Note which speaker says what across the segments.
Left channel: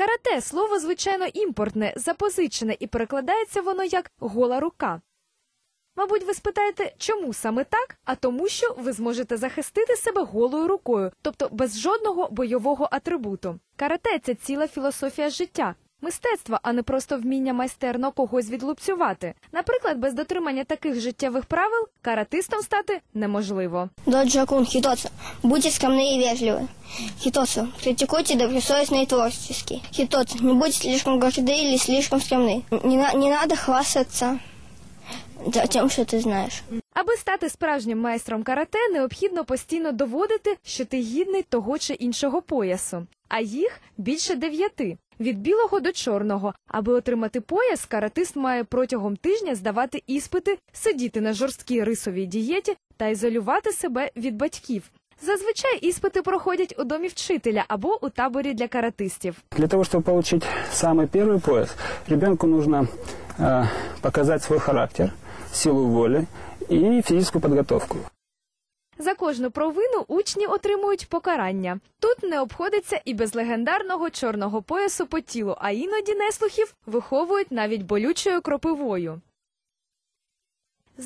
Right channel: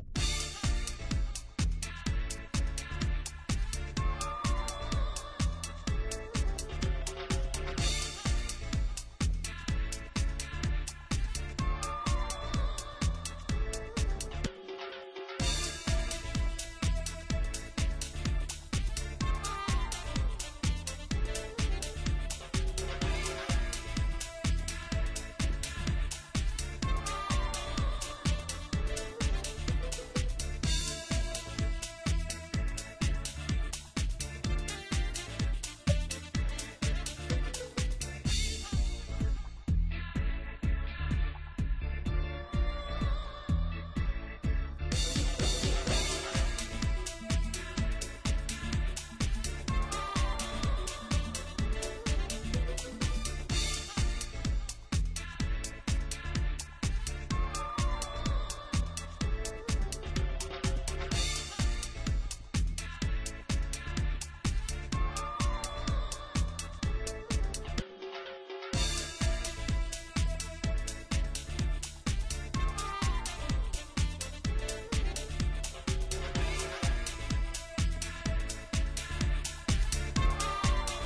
Speaker 1: Карате слово звичайно імпортне, запозичене і перекладається воно як гола рука. Мабуть, ви спитаєте, чому саме так? А тому, що ви зможете захистити себе голою рукою, тобто без жодного бойового атрибуту. Карате це ціла філософія життя, мистецтва, а не просто вміння майстерно когось відлупцювати. Наприклад, без дотримання таких життєвих правил каратистом стати неможливо.
Speaker 2: Доджакун Хитоса. Будьте скромны и вежливы. Хитоса. Критикуйте добросовестно и творчески. Хитоса. Не будьте слишком горды или слишком скромны. Не, на- не надо хвастаться за тем, что ты знаешь.
Speaker 1: Аби стати справжнім майстром карате, необхідно постійно доводити, що ти гідний того чи іншого поясу. А їх більше дев'яти від білого до чорного. Аби отримати пояс, каратист має протягом тижня здавати іспити, сидіти на жорсткій рисовій дієті та ізолювати себе від батьків. Зазвичай іспити проходять у домі вчителя або у таборі для каратистів.
Speaker 3: Для того, чтобы получить самый первый пояс, ребенку нужно э, показать свой характер, силу воли и физическую подготовку.
Speaker 1: За кожну провину учні отримують покарання. Тут не обходиться і без легендарного чорного поясу по тілу, а іноді неслухів виховують навіть болючою кропивою.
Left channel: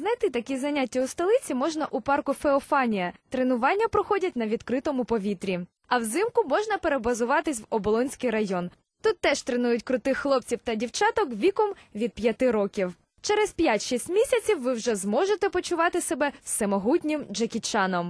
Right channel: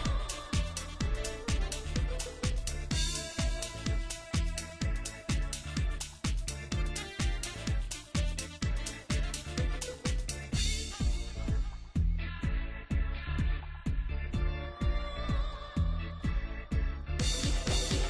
Speaker 1: Знайти такі заняття у столиці можна у парку Феофанія. Тренування проходять на відкритому повітрі. А взимку можна перебазуватись в Оболонський район. Тут теж тренують крутих хлопців та дівчаток віком від 5 років. Через 5-6 місяців ви вже зможете почувати себе всемогутнім Джекі Чаном.